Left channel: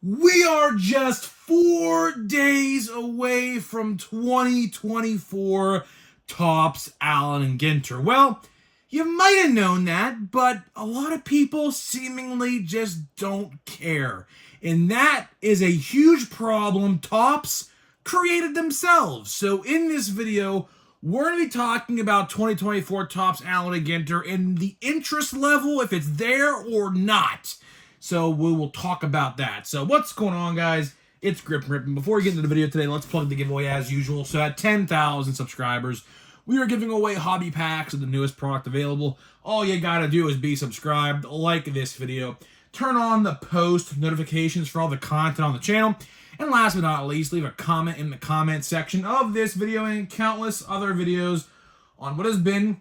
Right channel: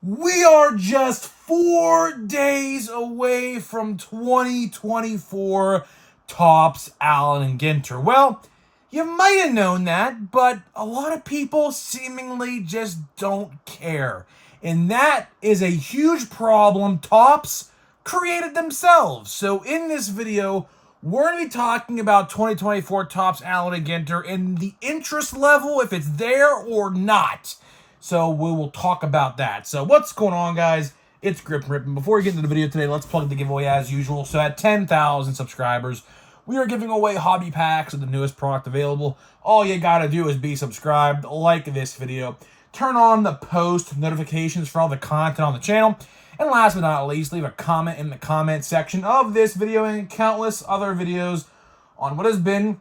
We are just 4 days away from 2024 Topps Allen Ginter. Well, you might have known that, but a lot of people seemingly just don't care. And that is a huge problem Topps created themselves. So in this video, we're going to be talking about 2024 Topps Allen Ginter and the interest level, if it's there or not. So we will talk about that. So what's going on, guys? It's Grip and Rippin'. Before we get into the video today, let's plug the giveaway as usual. So at 10,000 subscribers, we are giving away hobby packs of the newest product available. All you gotta do is be subscribed, like this video, turn on the post notifications for all the content on the channel, and last but not least, leave a comment in the comment section of this video and countless other videos on what has been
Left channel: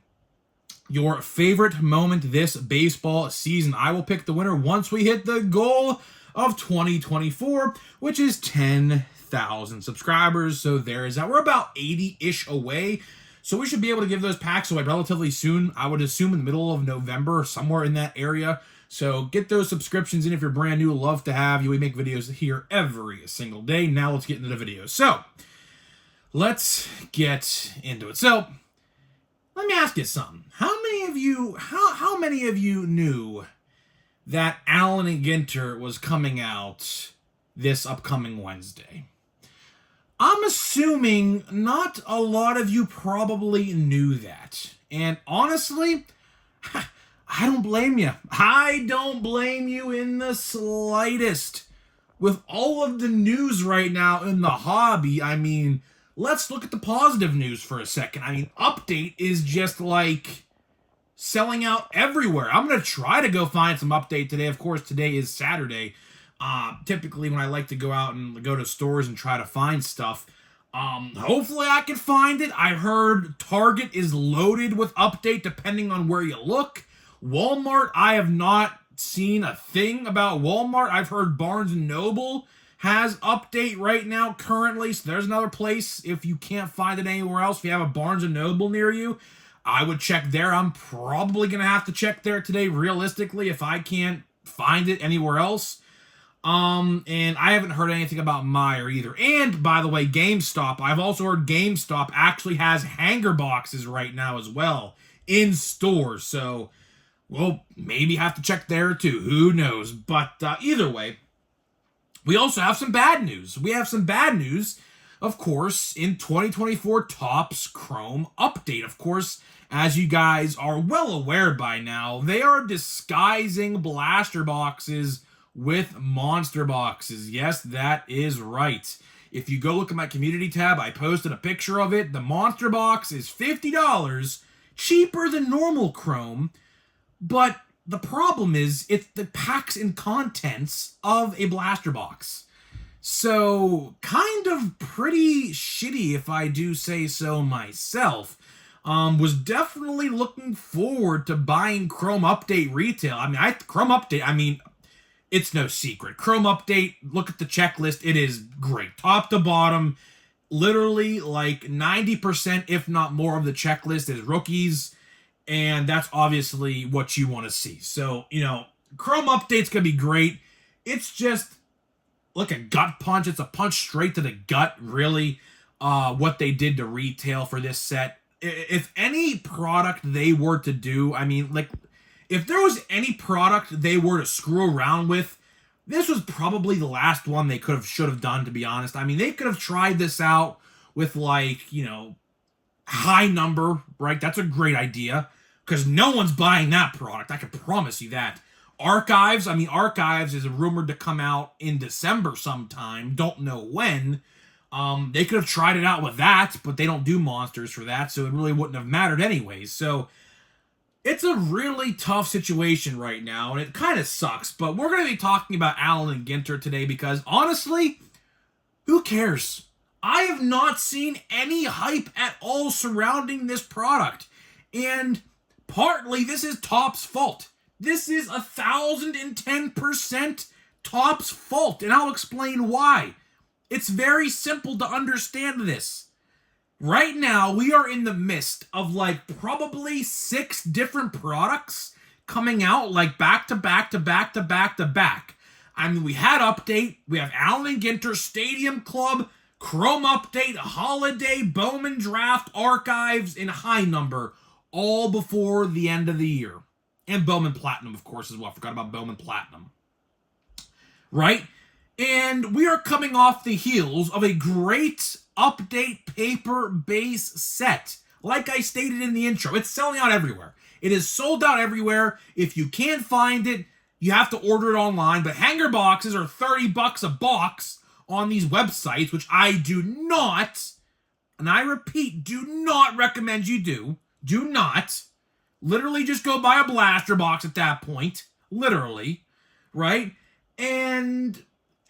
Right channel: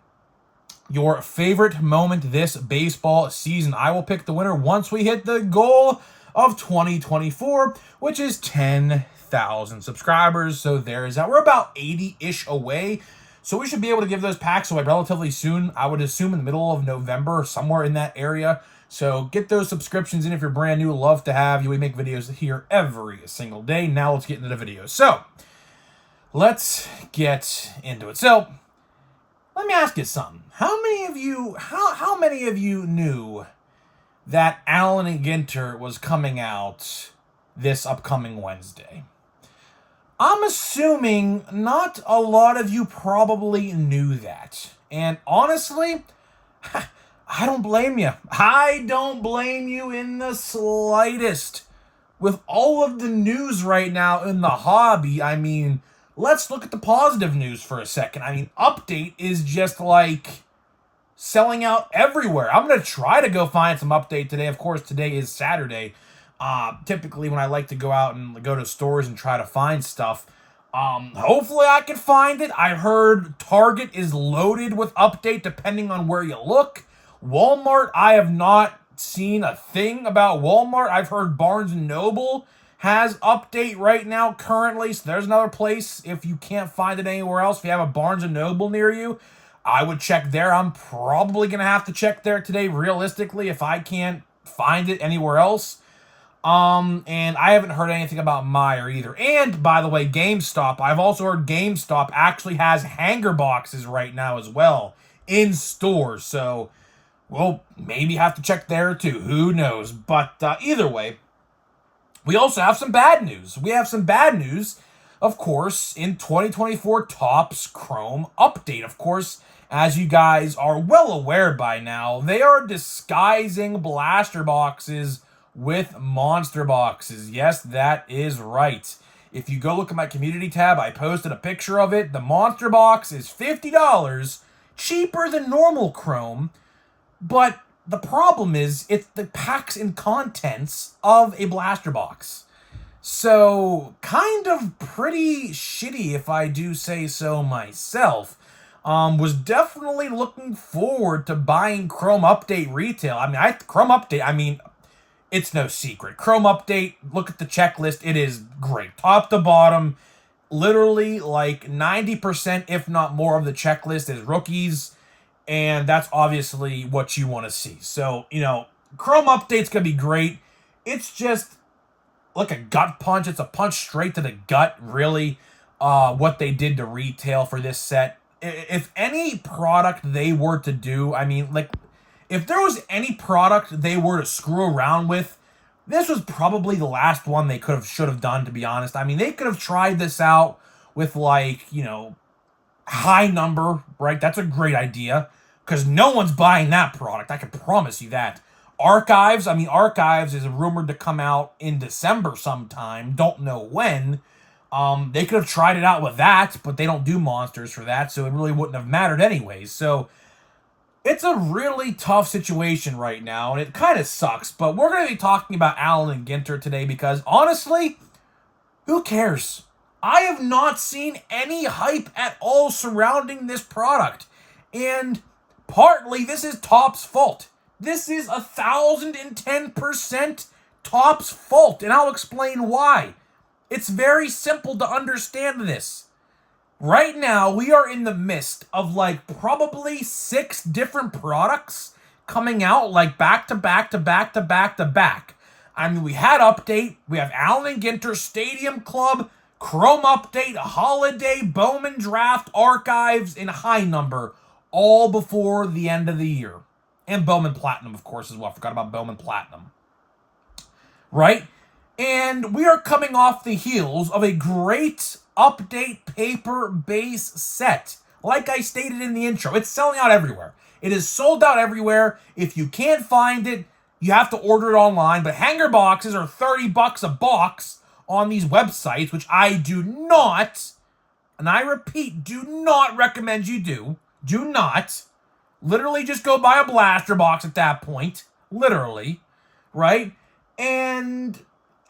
your favorite moment this baseball season. I will pick the winner once we hit the goal of 2024, which is 10,000 subscribers. So there is that. We're about 80-ish away. So we should be able to give those packs away relatively soon. I would assume in the middle of November, somewhere in that area. So get those subscriptions in if you're brand new. Love to have you. We make videos here every single day. Now let's get into the video. So let's get into it. So let me ask you something. How many of you knew that Allen Ginter was coming out this upcoming Wednesday? I'm assuming not a lot of you probably knew that. And honestly, I don't blame you. I don't blame you in the slightest. With all of the news right now in the hobby, I mean, let's look at the positive news for a second. I mean, Update is just like selling out everywhere. I'm going to try to go find some Update today. Of course, today is Saturday. Typically, when I like to go out and go to stores and try to find stuff, hopefully I can find it. I heard Target is loaded with Update depending on where you look. Walmart, I have not seen a thing about Walmart. I've heard Barnes & Noble has Update right now currently, so there's another place if you can't find it anywhere else. If you have a Barnes & Noble near you, I would check there. I'm probably going to have to check there today, realistically, if I can't find it anywhere else. And I haven't heard anything about Meijer either. And, by the way, GameStop, I've also heard GameStop actually has hanger boxes right now as well in stores, so we'll maybe have to check there too. Who knows? But either way, we also have some bad news. We have some bad news, of course, in 2024 Topps Chrome Update. Of course, as you guys are well aware by now, they are disguising blaster boxes with monster boxes. Yes, that is right. If you go look at my community tab, I posted a picture of it. The monster box is $50, cheaper than normal Chrome, but the problem is it's the packs and contents of a blaster box. So, kind of pretty shitty if I do say so myself. Was definitely looking forward to buying Chrome Update retail. Chrome Update, it's no secret. Chrome Update, look at the checklist. It is great. Top to bottom, literally like 90%, if not more, of the checklist is rookies. And that's obviously what you want to see. So, Chrome Update's going to be great. It's just like a gut punch. It's a punch straight to the gut, really, what they did to retail for this set. If any product they were to do, if there was any product they were to screw around with, this was probably the last one they should have done, to be honest. They could have tried this out with, high number, right? That's a great idea, because no one's buying that product. I can promise you that. Archives is rumored to come out in December sometime. Don't know when. They could have tried it out with that, but they don't do monsters for that, so it really wouldn't have mattered anyways. So it's a really tough situation right now, and it kind of sucks. But we're going to be talking about Allen Ginter today because, honestly, who cares? I have not seen any hype at all surrounding this product. And partly, this is Topps' fault. This is 1,010% Topps' fault, and I'll explain why. It's very simple to understand this. Right now, we are in the midst of probably 6 different products coming out back to back to back to back to back. I mean, we had Update, we have Allen Ginter, Stadium Club, Chrome Update, Holiday, Bowman Draft, Archives, and High Number, all before the end of the year. And Bowman Platinum, of course, as well. I forgot about Bowman Platinum. Right? And we are coming off the heels of a great Update paper base set. Like I stated in the intro, it's selling out everywhere. It is sold out everywhere. If you can't find it, you have to order it online. But hanger boxes are $30 a box on these websites, which I do not, and I repeat, do not recommend you do. Do not. Literally just go buy a blaster box at that point. Literally. Right? And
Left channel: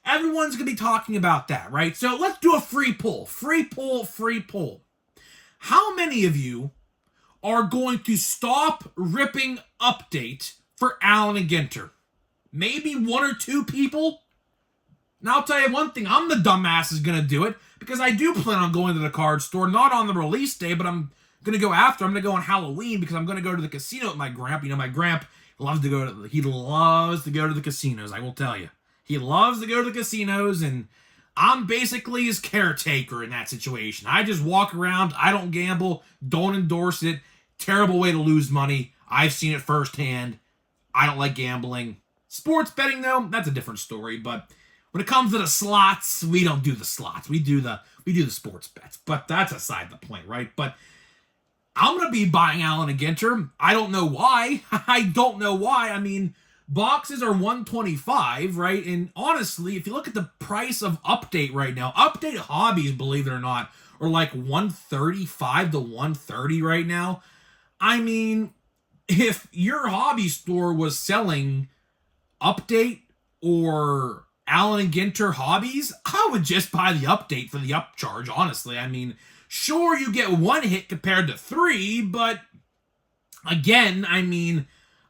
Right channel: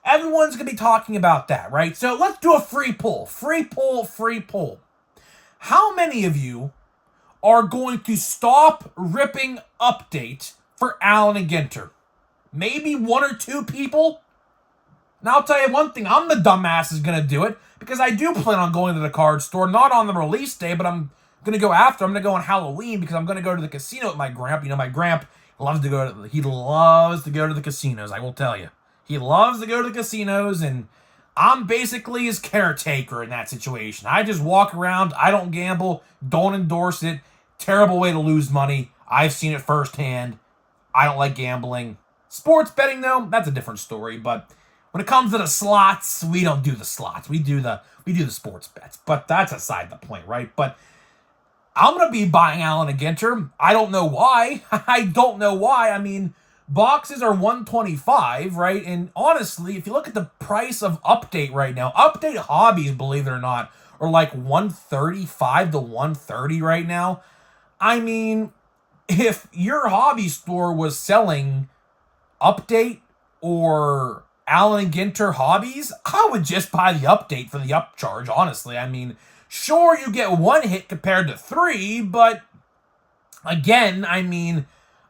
everyone's going to be talking about that, right? So let's do a free poll. Free poll, free poll. How many of you are going to stop ripping Update for Allen and Ginter? Maybe one or two people? Now I'll tell you one thing, I'm the dumbass is going to do it, because I do plan on going to the card store, not on the release day, but I'm going to go after. I'm going to go on Halloween, because I'm going to go to the casino with my gramp. You know, my gramp loves to go to the casinos, I will tell you. He loves to go to the casinos, and I'm basically his caretaker in that situation. I just walk around, I don't gamble, don't endorse it. Terrible way to lose money. I've seen it firsthand. I don't like gambling. Sports betting, though, that's a different story, but when it comes to the slots, we don't do the slots. We do the sports bets. But that's aside the point, right? But I'm going to be buying Allen and Ginter. I don't know why. I don't know why. I mean, boxes are $125, right? And honestly, if you look at the price of Update right now, Update hobbies, believe it or not, are like $135 to $130 right now. I mean, if your hobby store was selling Update or Allen and Ginter hobbies, I would just buy the Update for the upcharge, honestly. I mean, sure, you get one hit compared to three, but again, I mean,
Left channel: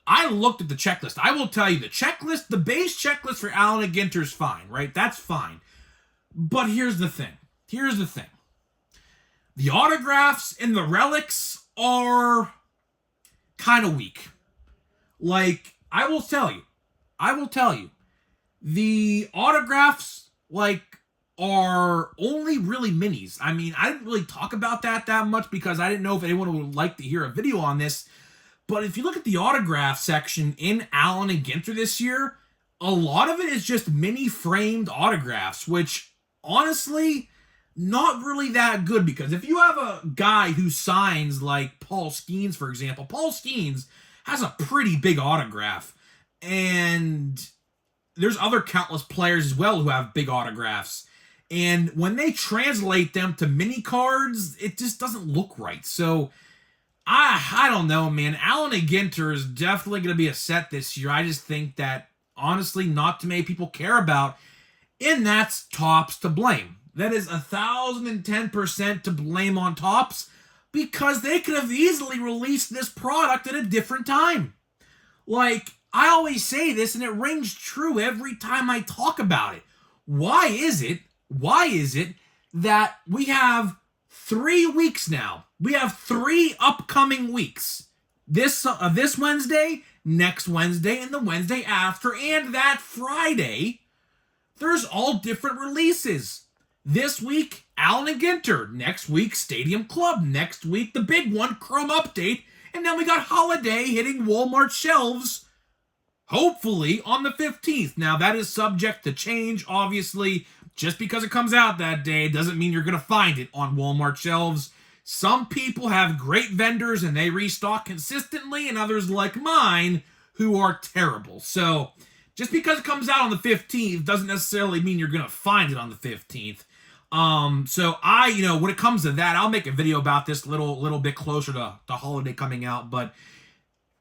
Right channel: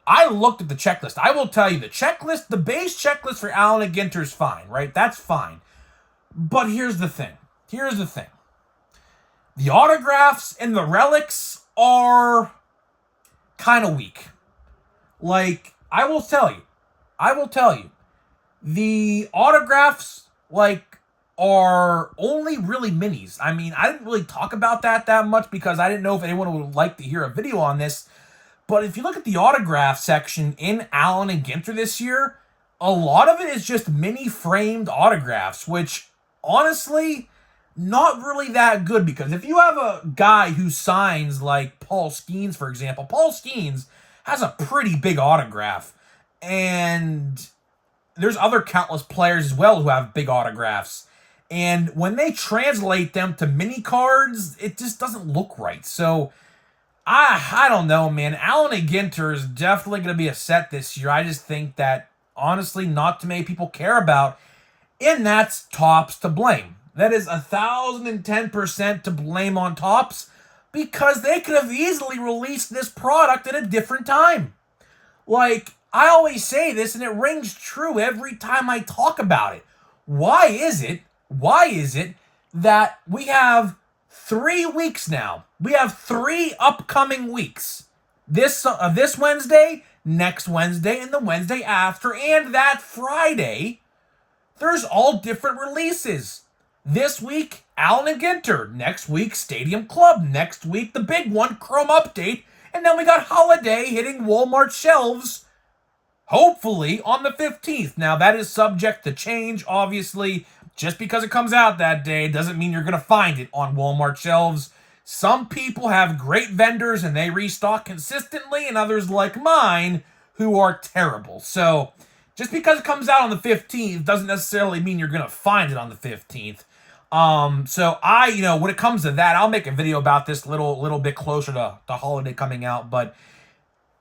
I looked at the checklist. I will tell you, the base checklist for Allen and Ginter is fine, right? That's fine. But here's the thing. The autographs and the relics are kind of weak. Like, I will tell you, the autographs, are only really minis. I mean, I didn't really talk about that much because I didn't know if anyone would like to hear a video on this. But if you look at the autograph section in Allen and Ginter this year, a lot of it is just mini framed autographs, which honestly, not really that good, because if you have a guy who signs like Paul Skeens, for example, Paul Skeens has a pretty big autograph, and there's other countless players as well who have big autographs. And when they translate them to mini cards, it just doesn't look right. So, I don't know, man. Allen and Ginter is definitely going to be a set this year. I just think that, honestly, not too many people care about. And that's Topps to blame. That is 1,010% to blame on Topps, because they could have easily released this product at a different time. Like, I always say this, and it rings true every time I talk about it. Why is it that we have 3 weeks now? We have 3 upcoming weeks. This Wednesday, next Wednesday, and the Wednesday after, and that Friday. There's all different releases. This week, Allen and Ginter. Next week, Stadium Club. Next week, the big one, Chrome Update. And then we got Holiday hitting Walmart shelves, hopefully on the 15th. Now, that is subject to change, obviously. Just because it comes out that day doesn't mean you're going to find it on Walmart shelves. Some people have great vendors and they restock consistently, and others like mine who are terrible. So, just because it comes out on the 15th doesn't necessarily mean you're going to find it on the 15th. So when it comes to that, I'll make a video about this little bit closer to the holiday coming out. But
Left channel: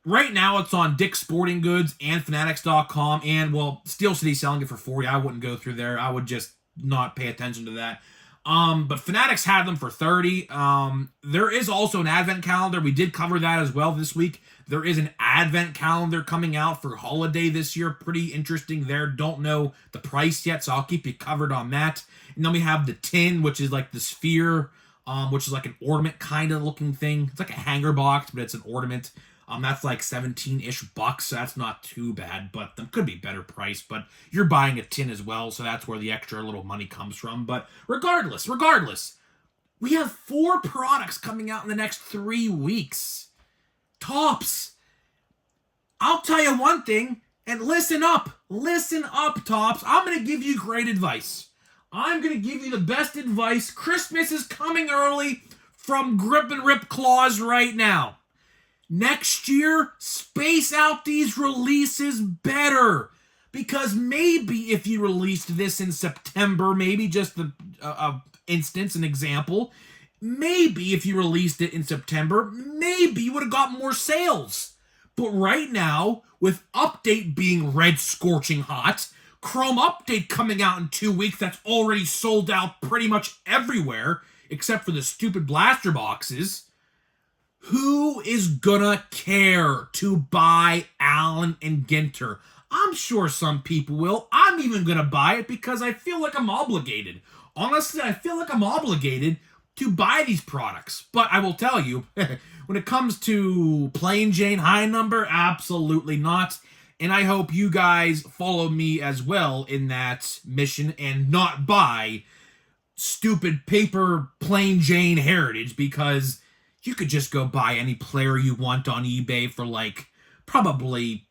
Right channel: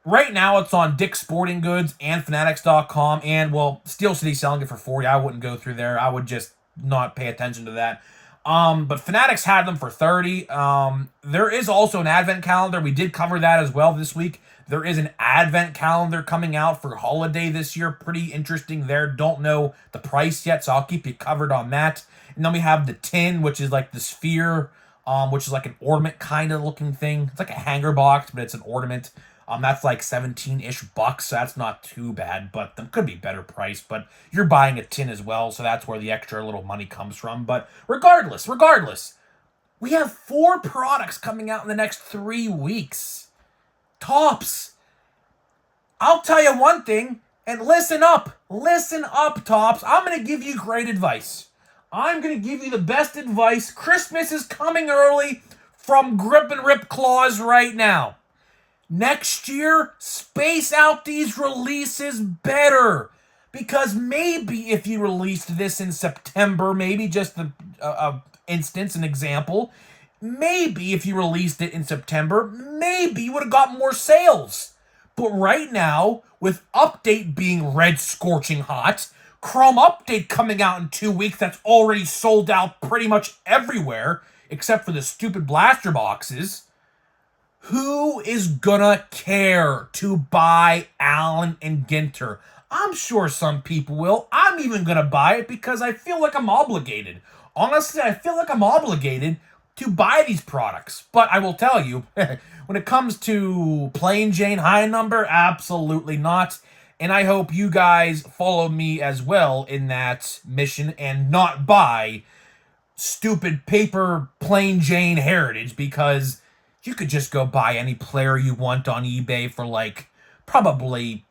right now it's on Dick's Sporting Goods and Fanatics.com, and Steel City selling it for $40. I wouldn't go through there. I would just not pay attention to that. But Fanatics had them for $30. There is also an advent calendar. We did cover that as well this week. There is an advent calendar coming out for holiday this year. Pretty interesting there. Don't know the price yet, so I'll keep you covered on that. And then we have the tin, which is like the sphere, which is like an ornament kind of looking thing. It's like a hanger box, but it's an ornament. That's like 17-ish bucks, so that's not too bad, but them could be better price. But you're buying a tin as well, so that's where the extra little money comes from. But regardless, we have 4 products coming out in the next 3 weeks. Topps. I'll tell you one thing, and listen up, Topps. I'm going to give you great advice. I'm going to give you the best advice. Christmas is coming early from Grip and Rip Claws right now. Next year, space out these releases better. Because maybe if you released this in September, maybe just an example, maybe if you released it in September, maybe you would have got more sales. But right now, with Update being red scorching hot, Chrome Update coming out in 2 weeks that's already sold out pretty much everywhere, except for the stupid blaster boxes, who is gonna care to buy Allen and Ginter? I'm sure some people will. I'm even gonna buy it because I feel like I'm obligated. Honestly, I feel like I'm obligated to buy these products. But I will tell you, when it comes to plain Jane high number, absolutely not. And I hope you guys follow me as well in that mission and not buy stupid paper plain Jane heritage, because you could just go buy any player you want on eBay for like probably,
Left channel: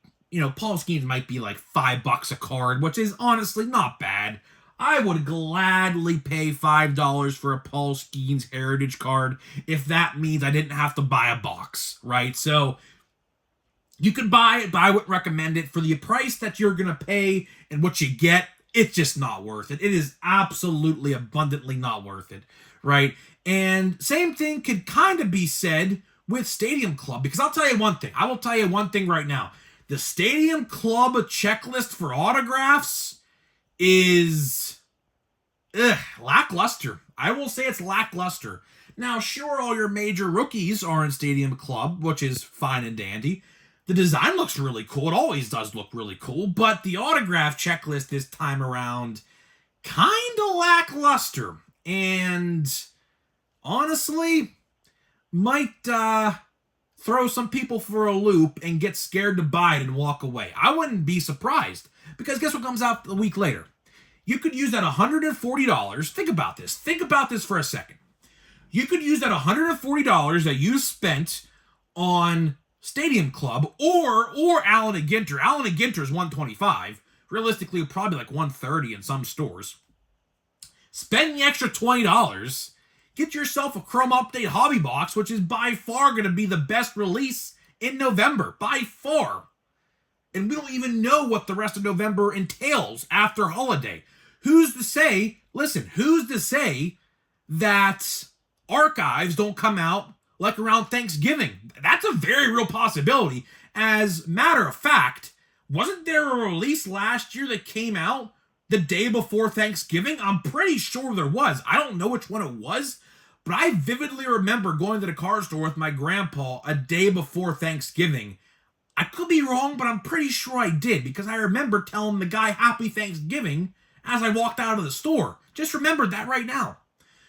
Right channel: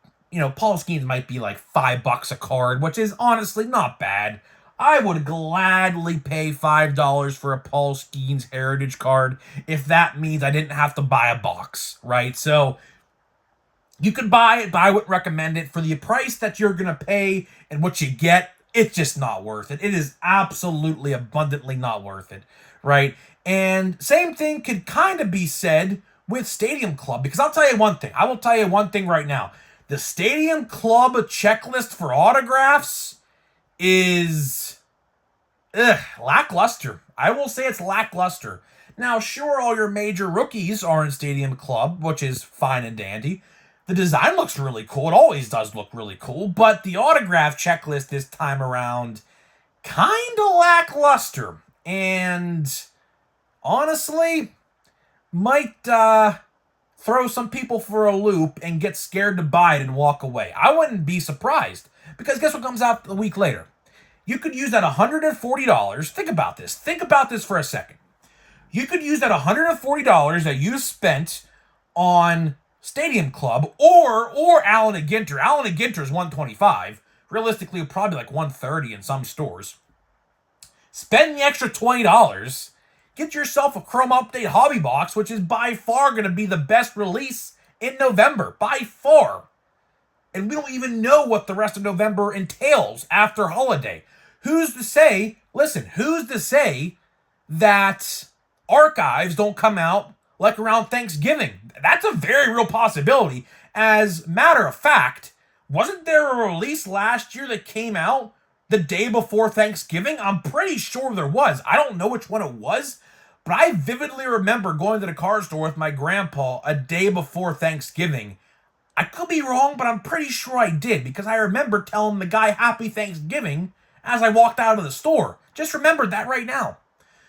Paul Skeens might be like $5 a card, which is honestly not bad. I would gladly pay $5 for a Paul Skeens heritage card if that means I didn't have to buy a box, right? So you could buy it, but I would recommend it for the price that you're going to pay and what you get. It's just not worth it. It is absolutely abundantly not worth it, right? And same thing could kind of be said with Stadium Club, because I'll tell you one thing. I will tell you one thing right now. The Stadium Club checklist for autographs is lackluster. I will say it's lackluster. Now, sure, all your major rookies are in Stadium Club, which is fine and dandy. The design looks really cool. It always does look really cool, but the autograph checklist this time around, kind of lackluster. And honestly, might throw some people for a loop and get scared to buy it and walk away. I wouldn't be surprised, because guess what comes out a week later? You could use that $140. Think about this. Think about this for a second. You could use that $140 that you spent on Stadium Club or Allen and Ginter. Allen and Ginter is $125. Realistically, probably like $130 in some stores. Spend the extra $20. Get yourself a Chrome Update hobby box, which is by far going to be the best release in November. By far. And we don't even know what the rest of November entails after holiday. Who's to say, listen, who's to say that archives don't come out like around Thanksgiving? That's a very real possibility. As a matter of fact, wasn't there a release last year that came out the day before Thanksgiving? I'm pretty sure there was. I don't know which one it was, but I vividly remember going to the card store with my grandpa a day before Thanksgiving. I could be wrong, but I'm pretty sure I did, because I remember telling the guy Happy Thanksgiving as I walked out of the store. Just remembered that right now.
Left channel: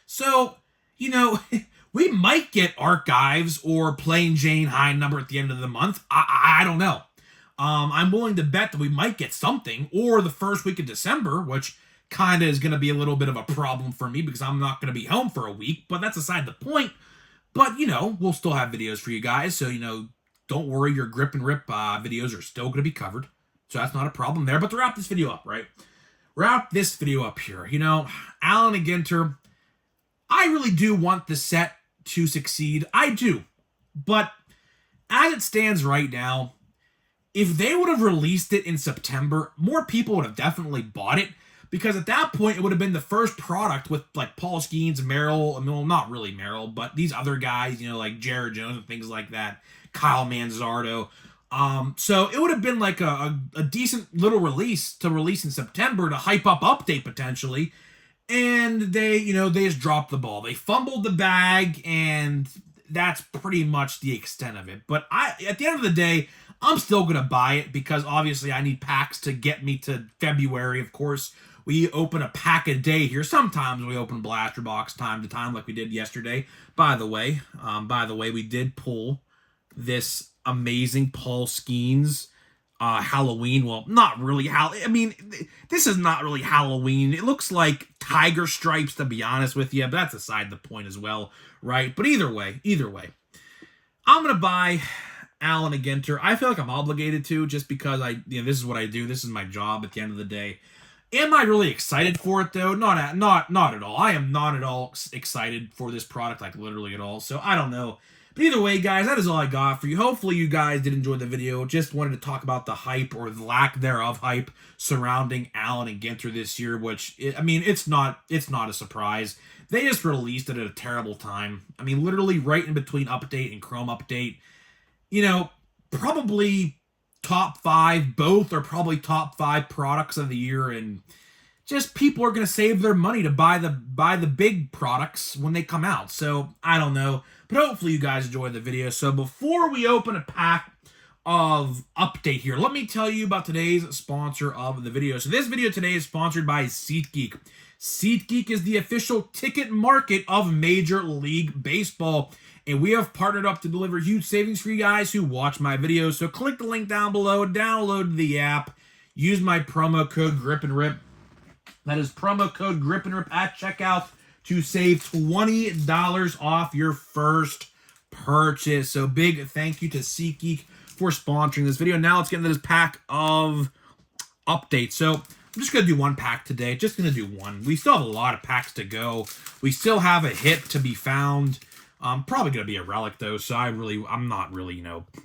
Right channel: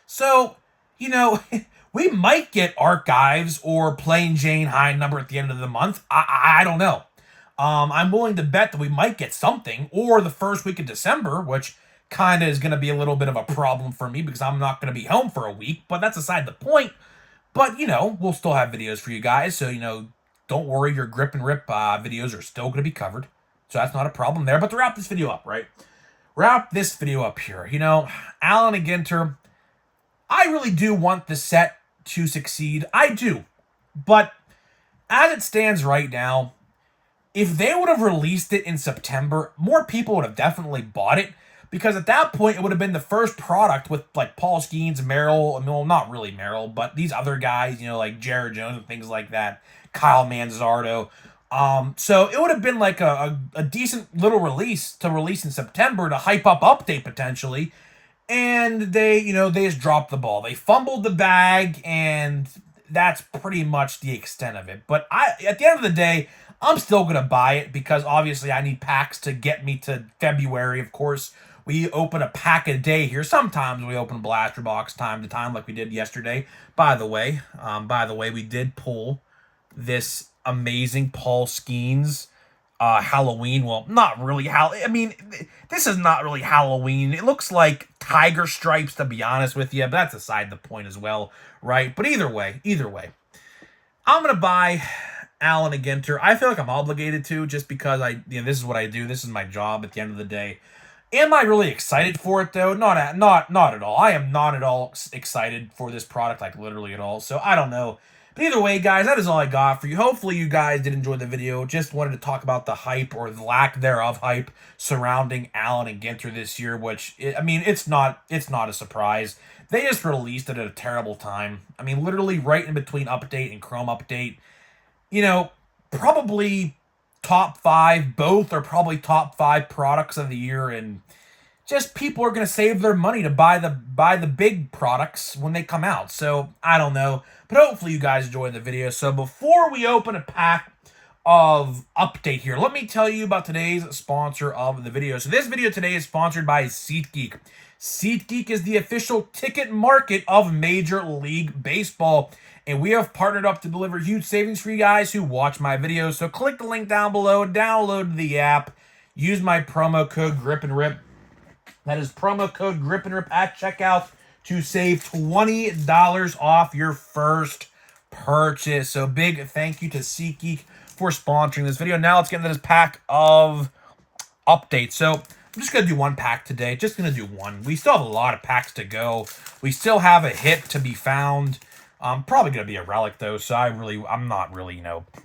So, we might get archives or plain Jane high number at the end of the month. I don't know. I'm willing to bet that we might get something, or the first week of December, which kind of is going to be a little bit of a problem for me because I'm not going to be home for a week, but that's aside the point. But, we'll still have videos for you guys, so, don't worry, your Grip and Rip videos are still going to be covered. So that's not a problem there. But to wrap this video up, right? Wrap this video up here. Allen and Ginter, I really do want the set to succeed. I do. But as it stands right now, if they would have released it in September, more people would have definitely bought it. Because at that point, it would have been the first product with, like, Paul Skeens, Merrill, well, not really Merrill, but these other guys, like Jared Jones and things like that, Kyle Manzardo. So it would have been like a decent little release to release in September to hype up Update potentially. And they just dropped the ball. They fumbled the bag, and that's pretty much the extent of it. But at the end of the day, I'm still going to buy it because obviously I need packs to get me to February. Of course, we open a pack a day here. Sometimes we open blaster box time to time like we did yesterday. By the way, we did pull this amazing Paul Skeens Halloween. Well, not really. I mean, this is not really Halloween. It looks like tiger stripes, to be honest with you. But that's aside the point as well, right? But either way, I'm gonna buy Allen Ginter. I feel like I'm obligated to, just because this is what I do. This is my job at the end of the day. Am I really excited for it though? Not at all. I am not at all excited for this product, like literally at all. So I don't know. But either way, guys, that is all I got for you. Hopefully you guys did enjoy the video. Just wanted to talk about the hype, or the lack thereof hype, surrounding Allen Ginter this year, which, I mean, it's not a surprise. They just released it at a terrible time. I mean, literally right in between update and Chrome update. You know, probably top 5, both are probably top 5 products of the year, and just people are going to save their money to buy the big products when they come out. So I don't know, but hopefully you guys enjoyed the video. So before we open a pack of update here, let me tell you about today's sponsor of the video. So this video today is sponsored by SeatGeek. SeatGeek is the official ticket market of Major League Baseball, and we have partnered up to deliver huge savings for you guys who watch my videos. So click the link down below, download the app, use my promo code GRIPANDRIP. That is promo code GRIPANDRIP at checkout to save $20 off your first purchase. So big thank you to SeatGeek for sponsoring this video. Now let's get into this pack of updates. So I'm just going to do one pack today. Just going to do one. We still have a lot of packs to go. We still have a hit to be found. Probably going to be a relic, though, so I'm not really,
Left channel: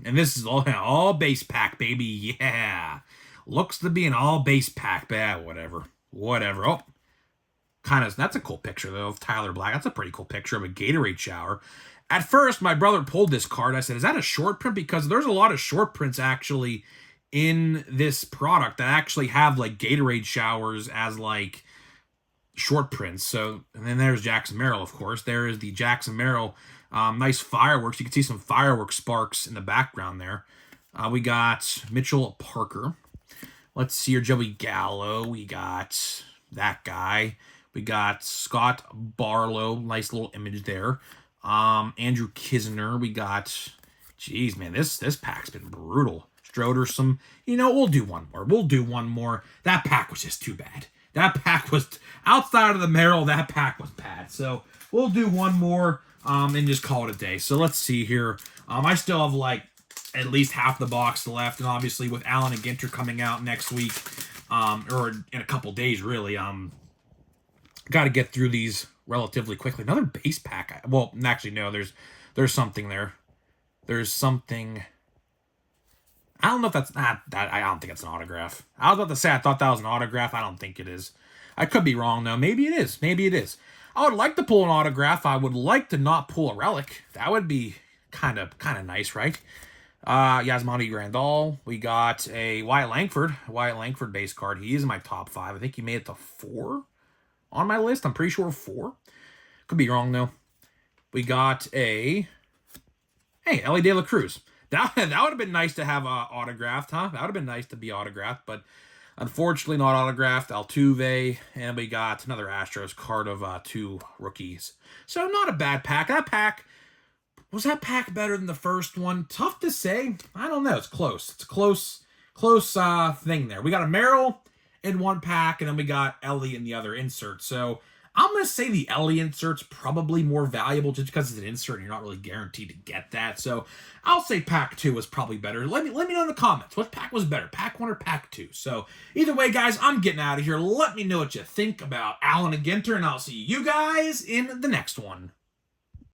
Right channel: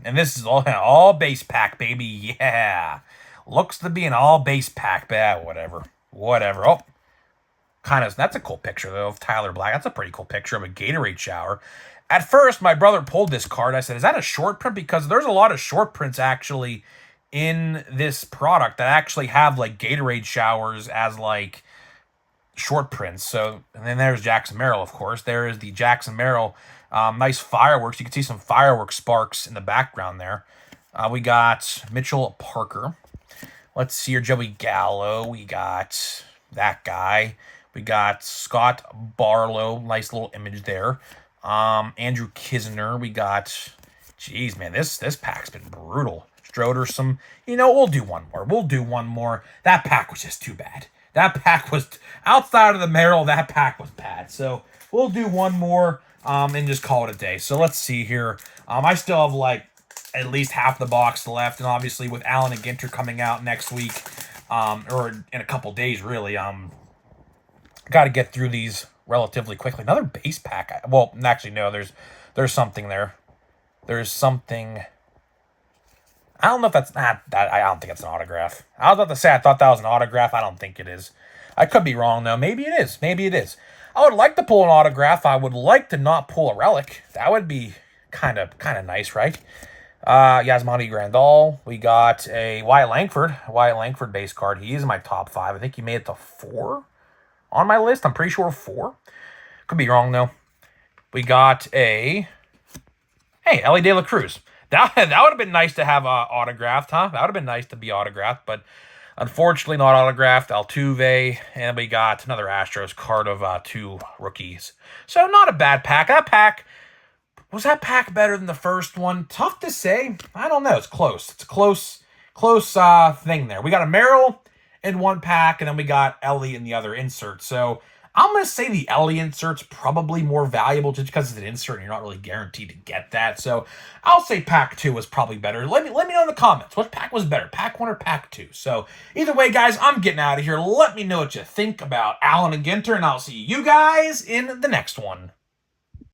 and this is all base pack, baby. Yeah. Looks to be an all base pack, but whatever. Oh, that's a cool picture, though, of Tyler Black. That's a pretty cool picture of a Gatorade shower. At first, my brother pulled this card. I said, is that a short print? Because there's a lot of short prints, actually, in this product that actually have, like, Gatorade showers as, like, short prints. So, and then there's Jackson Merrill, of course. There is the Jackson Merrill. Nice fireworks. You can see some fireworks sparks in the background there. We got Mitchell Parker. Let's see here, Joey Gallo. We got that guy. We got Scott Barlow. Nice little image there. Andrew Kisner. We got, geez, man, this pack's been brutal. Stroder, we'll do one more. That pack was just too bad. That pack was, outside of the Merrill, that pack was bad. So we'll do one more and just call it a day. So let's see here. I still have, like, at least half the box left. And obviously with Allen Ginter coming out next week, or in a couple days, really, got to get through these relatively quickly. Another base pack. Well, actually, no, there's something there. There's something. I don't know if that's not that. I don't think it's an autograph. I was about to say I thought that was an autograph. I don't think it is. I could be wrong though. Maybe it is. I would like to pull an autograph. I would like to not pull a relic. That would be kind of nice, right? Yasmani Grandal. We got a Wyatt Langford base card. He is in my top 5. I think he made it to 4 on my list. I'm pretty sure 4. Could be wrong though. We got a Ellie De La Cruz. That would have been nice to have autographed, huh? That would have been nice to be autographed, but unfortunately not autographed. Altuve, and we got another Astros card of 2 rookies. So not a bad pack. Was that pack better than the first one? Tough to say. I don't know. It's close. It's a close thing there. We got a Merrill in one pack, and then we got Ellie in the other insert. So I'm going to say the Ellie insert's probably more valuable just because it's an insert and you're not really guaranteed to get that. So I'll say pack 2 was probably better. Let me know in the comments. What pack was better, pack 1 or pack 2? So either way, guys, I'm getting out of here. Let me know what you think about Allen Ginter, and I'll see you guys in the next one.